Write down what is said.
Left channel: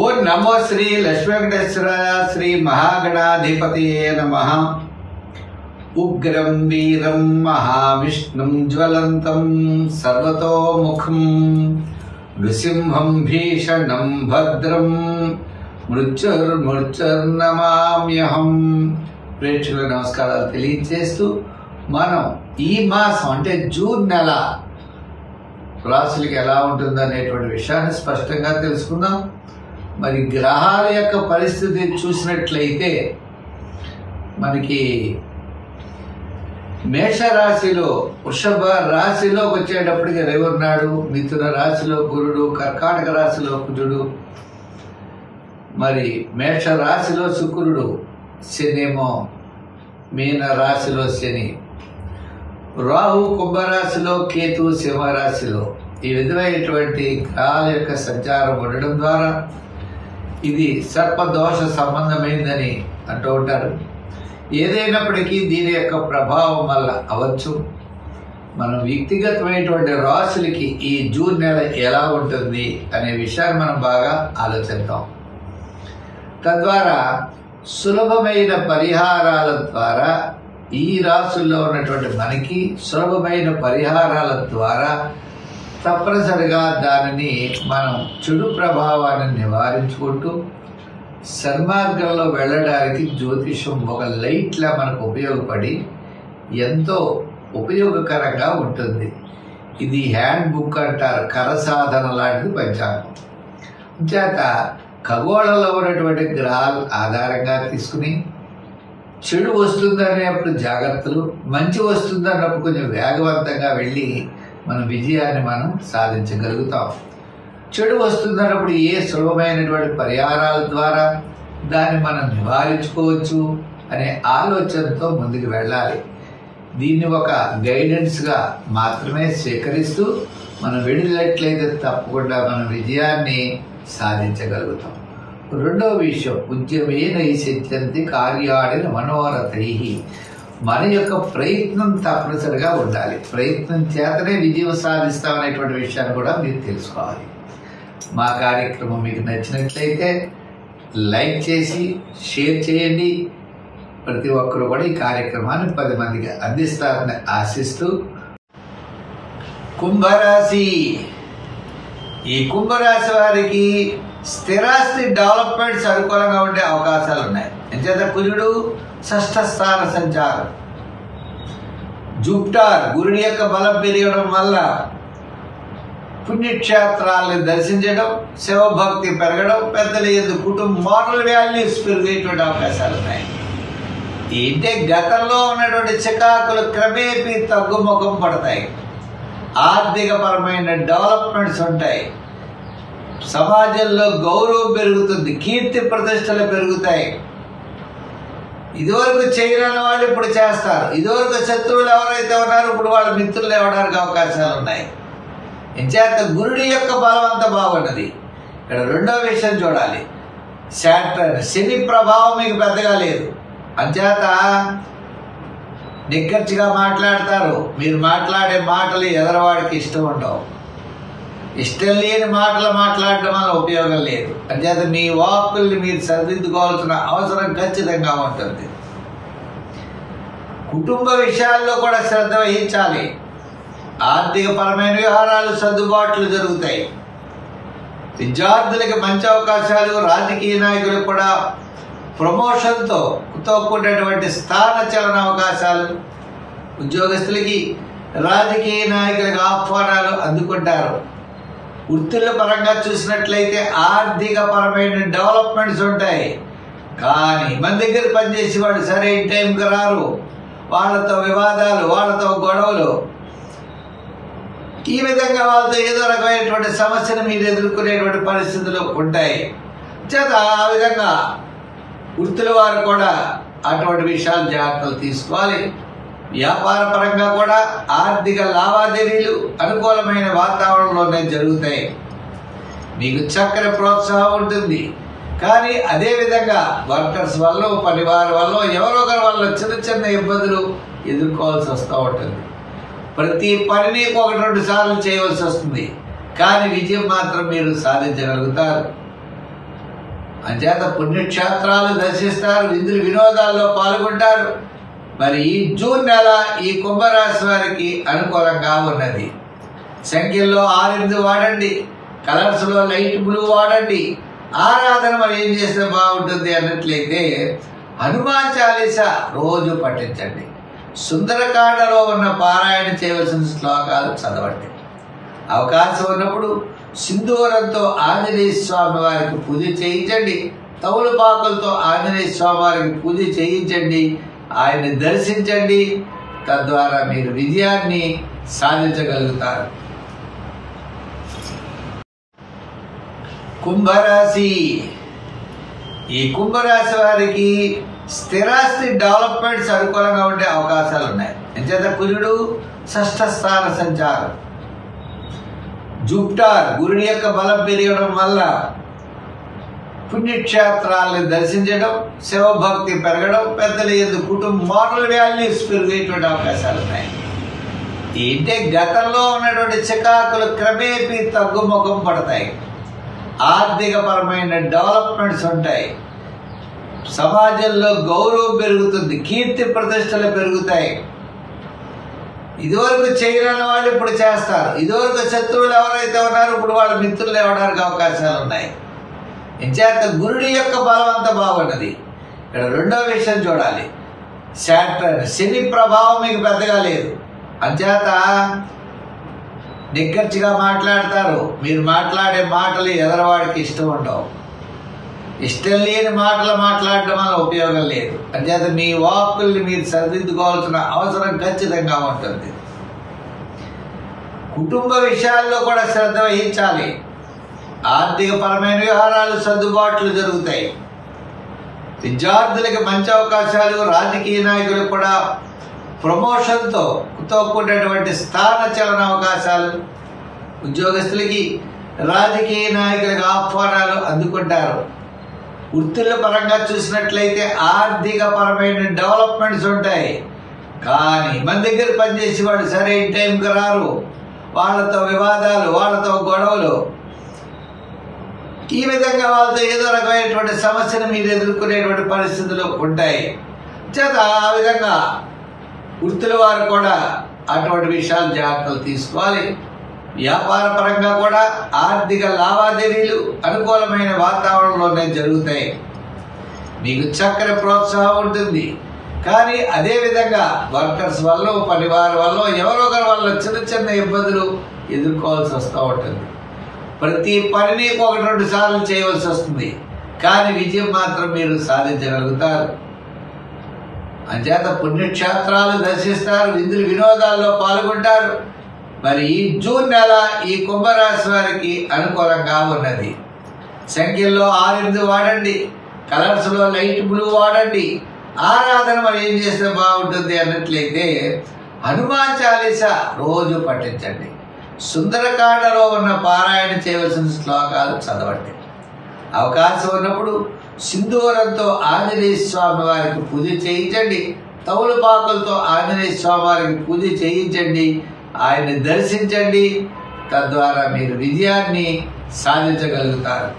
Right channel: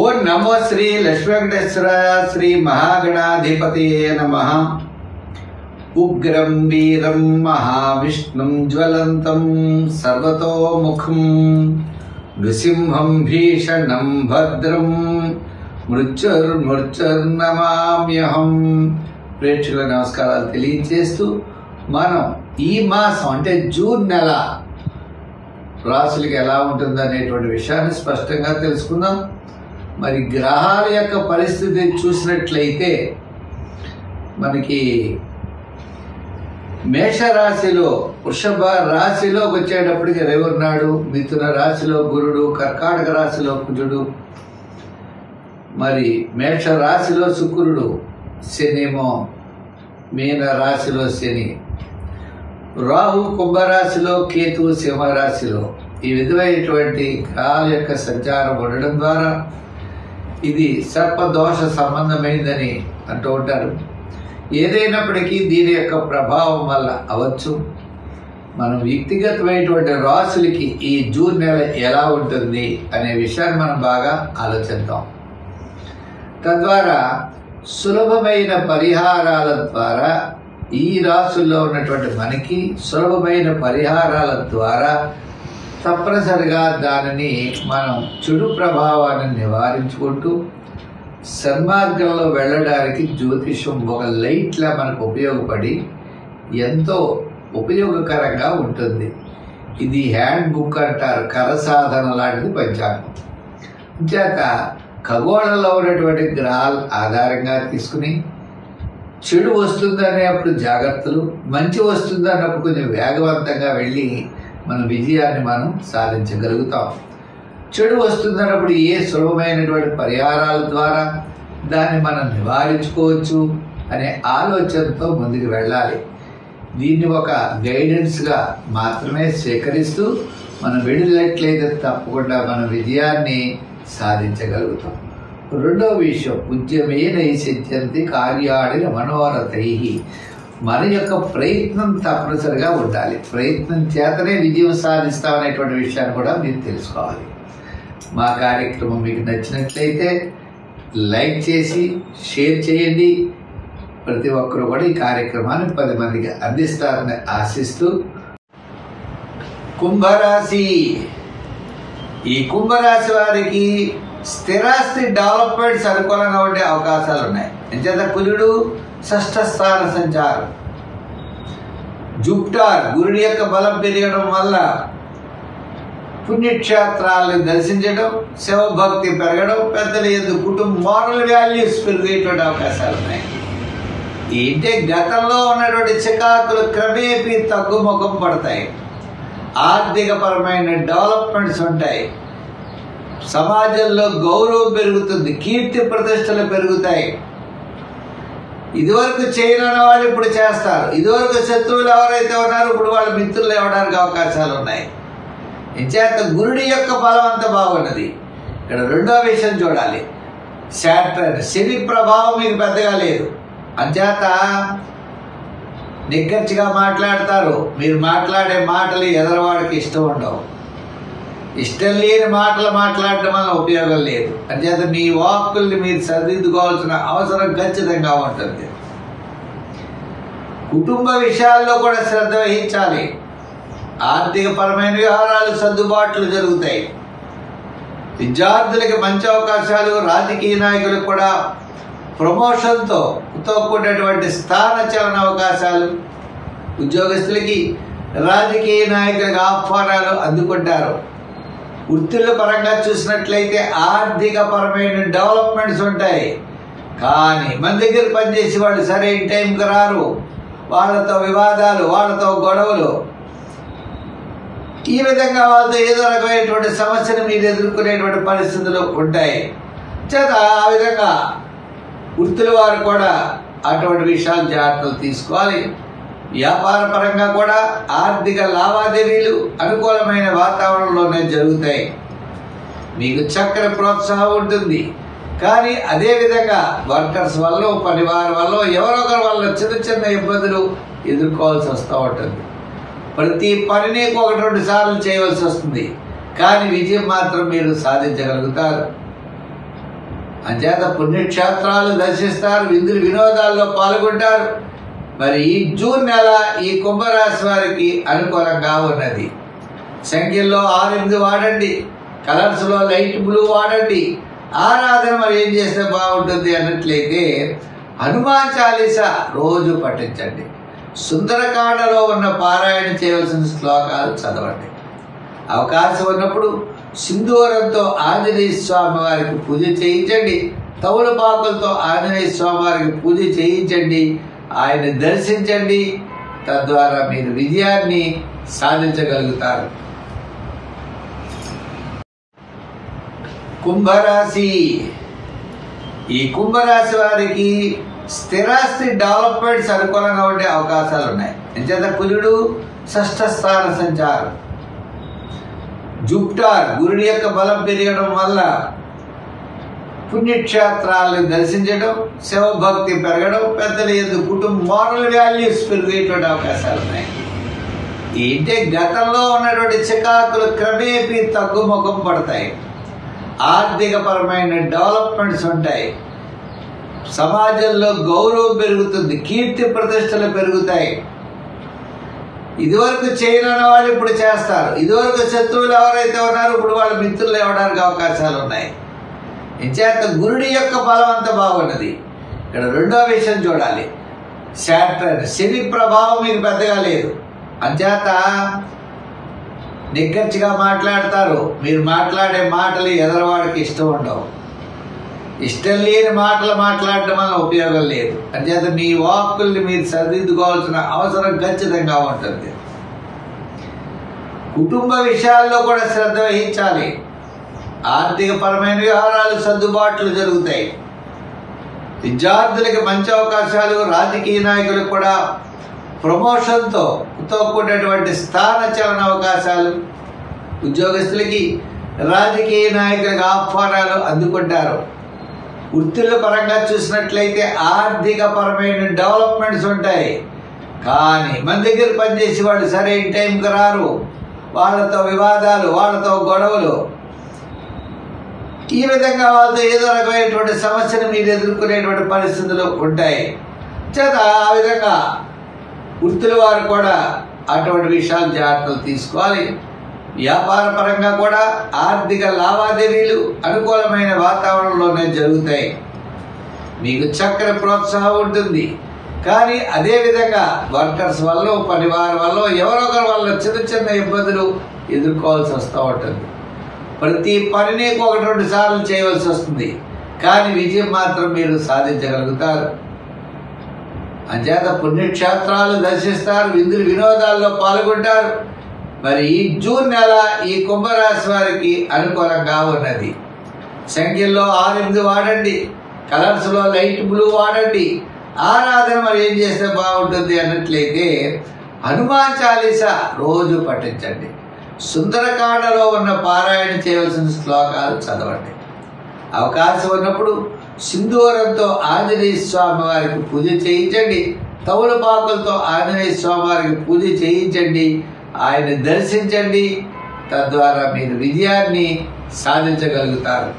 ఓం నమో శ్రీ లక్ష్మీ వెంకటేశ్వరాయ శ్రీ మహాగణాధిపతియే నమః. ఉగ్రం వీరం మహావిష్ణుం జ్వలంతం సర్వతోముఖం నృసింహం భీషణం భద్రం మృత్యుర్నమామ్యహం. ప్రేక్షకుల నమస్కారాలు తెలియజేస్తూ మనం ఈ మాసం అంటే జూన్ నెల రాశులకి ఎలా ఉంటుందనేటువంటి విషయాన్ని స్పష్టంగా తెలుసుకుందాం. మరి గ్రహాల యొక్క పరిస్థితి చూసినట్లయితే మనకి మేషరాశిలో వృషభ రాశిలోకి వచ్చేటప్పటికి రవి ఉన్నాడు, మిథున రాశిలో గురుడు, కర్కాటక రాశిలో కుజుడు, మరి మేష రాశిలో శుక్రుడు, శనేమో మీన రాశిలో శని, రాహు కుంభరాశిలో, కేతు సింహరాశిలో. ఈ విధమైనటువంటి గ్రహాల యొక్క సంచారం ఉండడం ద్వారా ఇది సర్పదోష సంబంధమైందని అంటూ ఉంటారు. ఏదైనప్పటికీ దీని యొక్క ప్రభావం వల్ల అవచ్చు మనం వ్యక్తిగతమైనటువంటి రాశులకి ఈ జూన్ నెల ఎలా ఉంటుంది అనే విషయాన్ని మనం బాగా ఆలోచిద్దాం. తద్వారా సులభమైన పరిహారాల ద్వారా ఈ రాశుల్లో ఉన్నటువంటి మనకి సులభమైన పరిహారాల ద్వారా తప్పనిసరిగా దానిని మనం చెడు ప్రభావాన్ని నివారించుకుంటూ సన్మార్గంలో వెళ్ళడానికి జ్యోతిషం ఒక లైట్లా మనకు ఉపయోగపడి ఎంతో ఉపయోగకరంగా ఉంటుంది. ఇది హ్యాండ్ బుక్ అంటారు, కరసాధన లాంటిది పంచాంగం. చేత ఖగోళంలో ఉన్నటువంటి గ్రహాల ఆధారంగా తీసుకుని చెడు వస్తుందనేప్పుడు జాగ్రత్తలు, మంచి వస్తుందన్నప్పుడు కొంచెం వేగవంతంగా వెళ్ళి మన విజయాన్ని మనం సాధించగలుగుతాం. చెడు వస్తుందన్నప్పుడు ఏ సులభమైనటువంటి పరిహారాల ద్వారా దాన్ని మనం నివారించుకోవచ్చు అనే ఆలోచనతో ముందుకు వెళ్ళాలి. దీన్ని ఒక గైడెన్స్గా మాత్రమే స్వీకరిస్తూ మనం వెళ్ళినట్లయితే తప్పకుండా మన విజయాన్ని సాధించగలుగుతాం. రెండో విషయం, ఉద్యమేన సిద్ధ్యంతి కార్యాణి మనోరథై. మన యొక్క ప్రయత్నం తప్పనిసరిగా ఉండాలి. ప్రయత్నం చేతనే విజయం సాధిస్తామనేటువంటి విషయాన్ని కూడా మీరు తెలుసుకోవాలి. మా కార్యక్రమం మీకు నచ్చినట్లయితే లైక్ చేసి షేర్ చేయండి. ప్రతి ఒక్కరూ కూడా ఈ కార్యక్రమాన్ని 10 మందికి అందిస్తారని ఆశిస్తూ, కుంభరాశి. ఈ కుంభరాశి వారికి స్థిరాస్తి డెవలప్మెంట్స్ అనుకూలంగా ఉండే అవకాశాలు ఉన్నాయి. ఎంచేత కుజుడు షష్ఠ స్థాన సంచారం, జూపిటర్ గురుడి యొక్క బలం పెరగడం వల్ల పుణ్యక్షేత్రాలను దర్శించడం, శివభక్తి పెరగడం, పెద్దల యందు కుటుంబ మోరల్ వాల్యూస్ పెరిగేటువంటి అవకాశాలు ఉన్నాయి. ఏంటే గతంలో ఉన్నటువంటి చికాకులు క్రమేపీ తగ్గుముఖం పడతాయి. ఆర్థికపరమైన డెవలప్మెంట్స్ ఉంటాయి. సమాజంలో గౌరవం పెరుగుతుంది, కీర్తి ప్రతిష్టలు పెరుగుతాయి. ఇదివరకు చేయని వాళ్ళు ఇప్పుడు చేస్తారు. ఇదివరకు శత్రువులు ఎవరైతే ఉన్నారో ఇప్పుడు వాళ్ళ మిత్రులు ఇవ్వడానికి అవకాశాలు ఉన్నాయి. ఇంచేత గురుడి యొక్క బలం అంత బాగున్నది. ఇక్కడ రెండో విషయం చూడాలి, శాటర్న్ శని ప్రభావం మీకు పెద్దగా లేదు. అంచేత నిక్కచ్చిగా మాట్లాడతారు. మీరు మాట్లాడే మాటలు ఎదరవాడికి ఇష్టం ఉండవు. ఇష్టం లేని మాటలు మాట్లాడటం వల్ల ఉపయోగం లేదు. అంచేత మీ వాక్కుల్ని మీరు సరిదిద్దుకోవాల్సిన అవసరం ఖచ్చితంగా ఉంటుంది. కుటుంబ విషయాల్లో కూడా శ్రద్ధ వహించాలి. ఆర్థిక పరమైన వ్యవహారాలు సర్దుబాట్లు జరుగుతాయి. విద్యార్థులకి మంచి అవకాశాలు, రాజకీయ నాయకులకు కూడా ప్రమోషన్తో కూడినటువంటి స్థాన చలన అవకాశాలు, ఉద్యోగస్తులకి రాజకీయ నాయకులకు ఆహ్వానాలు అందుకుంటారు. వృత్తుల పరంగా చూసినట్లయితే ఆర్థిక పరమైన డెవలప్మెంట్స్ ఉంటాయి. కానీ మన దగ్గర పనిచేసి వాళ్ళు సరైన టైంకి రారు. వాళ్ళతో వివాదాలు, వాళ్ళతో గొడవలు, ఈ విధంగా వాళ్ళతో ఏదో రకమైనటువంటి సమస్యను మీరు ఎదుర్కొనేటువంటి పరిస్థితులు ఉంటాయి. చేత ఆ విధంగా వృత్తుల వారు కూడా అటువంటి విషయాలు జాగ్రత్తలు తీసుకోవాలి. వ్యాపార పరంగా కూడా ఆర్థిక లావాదేవీలు అనుకూలమైన వాతావరణంలోనే జరుగుతాయి. మీకు చక్కని ప్రోత్సాహం ఉంటుంది. కానీ అదేవిధంగా వర్కర్స్ వల్ల, పనివారి వల్ల, ఎవరో ఒకరి వల్ల చిన్న చిన్న ఇబ్బందులు ఎదుర్కోవాల్సి వస్తూ ఉంటుంది. ప్రతి పనిని 1-2 సార్లు చేయవలసి వస్తుంది. కానీ విజయం మాత్రం మీరు సాధించగలుగుతారు. అంచేత పుణ్యక్షేత్రాలు దర్శిస్తారు, విందులు వినోదాల్లో పాల్గొంటారు. మరి ఈ జూన్ నెల ఈ కుంభరాశి వారికి అనుకూలంగా ఉన్నది. సంఖ్యల్లో 6 వాడండి, కలర్స్లో లైట్ బ్లూ వాడండి. ఆరాధన మరి ఏం చేస్తే బాగుంటుంది అన్నట్లయితే హనుమాన్ చాలీసా రోజు పఠించండి. సుందరకాండలో ఉన్న పారాయణ చేయవలసిన శ్లోకాలు చదవండి. అవకాశం ఉన్నప్పుడు సింధూరంతో ఆంజనేయ స్వామి వారికి పూజ చేయించండి. తమలపాకులతో ఆంజనేయ స్వామి వారికి పూజ చేయించండి. ఆయన్ని దర్శించండి. తద్వారా మీరు విజయాన్ని సాధించగలుగుతారు. కుంభరాశి. ఈ కుంభరాశి వారికి స్థిరాస్తి డెవలప్మెంట్స్ అనుకూలంగా ఉండే అవకాశాలు ఉన్నాయి. ఎంచేత కుజుడు 6వ స్థాన సంచారం, జూపిటర్ గురుడి యొక్క బలం పెరగడం వల్ల పుణ్యక్షేత్రాలను దర్శించడం, శివభక్తి పెరగడం, పెద్దల యందు కుటుంబ మోరల్ వాల్యూస్ పెరిగేటువంటి అవకాశాలు ఉన్నాయి. ఏంటే గతంలో ఉన్నటువంటి చికాకులు క్రమేపీ తగ్గుముఖం పడతాయి. ఆర్థిక పరమైన డెవలప్మెంట్స్ ఉంటాయి. సమాజంలో గౌరవం పెరుగుతుంది, కీర్తి ప్రతిష్టలు పెరుగుతాయి. ఇదివరకు చేయని వాళ్ళు ఇప్పుడు చేస్తారు. ఇదివరకు శత్రువులు ఎవరైతే ఉన్నారో ఇప్పుడు వాళ్ళ మిత్రులు అవ్వడానికి అవకాశాలు ఉన్నాయి. ఇంచేత గురుడి యొక్క బలం అంత బాగున్నది. ఇక్కడ రెండో విషయం చూడాలి. శాటర్న్ శని ప్రభావం మీకు పెద్దగా లేదు. అంచేత నిక్కచ్చిగా మాట్లాడతారు. మీరు మాట్లాడే మాటలు ఎదరవాడికి ఇష్టం ఉండవు. ఇష్టం లేని మాటలు మాట్లాడటం వల్ల ఉపయోగం లేదు. అంచేత మీ వాక్కుల్ని మీరు సరిదిద్దుకోవాల్సిన అవసరం ఖచ్చితంగా ఉంటుంది. కుటుంబ విషయాల్లో కూడా శ్రద్ధ వహించాలి. ఆర్థిక పరమైన వ్యవహారాలు సర్దుబాట్లు జరుగుతాయి. విద్యార్థులకి మంచి అవకాశాలు, రాజకీయ నాయకులకు కూడా ప్రమోషన్తో కూడినటువంటి స్థాన చలన అవకాశాలు, ఉద్యోగస్తులకి రాజకీయ నాయకులకు ఆహ్వానాలు అందుకుంటారు. వృత్తుల పరంగా చూసినట్లయితే ఆర్థిక పరమైన డెవలప్మెంట్స్ ఉంటాయి. కానీ మన దగ్గర పనిచేసి వాళ్ళు సరైన టైంకి రారు. వాళ్ళతో వివాదాలు, వాళ్ళతో గొడవలు, ఈ విధంగా వాళ్ళతో ఏదో రకమైనటువంటి సమస్యను మీరు ఎదుర్కొనేటువంటి పరిస్థితులు ఉంటాయి. చేత ఆ విధంగా వృత్తుల వారు కూడా అటువంటి విషయాలు జాగ్రత్తలు తీసుకోవాలి. వ్యాపార పరంగా కూడా ఆర్థిక లావాదేవీలు అనుకూలమైన వాతావరణంలోనే జరుగుతాయి. మీకు చక్కని ప్రోత్సాహం ఉంటుంది. కానీ అదేవిధంగా వర్కర్స్ వల్ల, పనివారి వల్ల, ఎవరో ఒకరి వల్ల చిన్న చిన్న ఇబ్బందులు ఎదుర్కోవాల్సి వస్తూ ఉంటుంది. ప్రతి పనిని 1-2 సార్లు చేయవలసి వస్తుంది. కానీ విజయం మాత్రం మీరు సాధించగలుగుతారు. అంచేత పుణ్యక్షేత్రాలు దర్శిస్తారు, విందులు వినోదాల్లో పాల్గొంటారు. మరి ఈ జూన్ నెల ఈ కుంభరాశి వారికి అనుకూలంగా ఉన్నది. సంఖ్యల్లో 6 వాడండి, కలర్స్లో లైట్ బ్లూ వాడండి. ఆరాధన మరి ఏం చేస్తే బాగుంటుంది అన్నట్లయితే హనుమాన్ చాలీసా రోజు పఠించండి. సుందరకాండలో ఉన్న పారాయణ చేయవలసిన శ్లోకాలు చదవండి. అవకాశం ఉన్నప్పుడు సింధూరంతో ఆంజనేయ స్వామి వారికి పూజ చేయించండి. తమలపాకులతో ఆంజనేయ స్వామి వారికి పూజ చేయించండి. ఆయన్ని దర్శించండి. తద్వారా మీరు విజయాన్ని సాధించగలుగుతారు.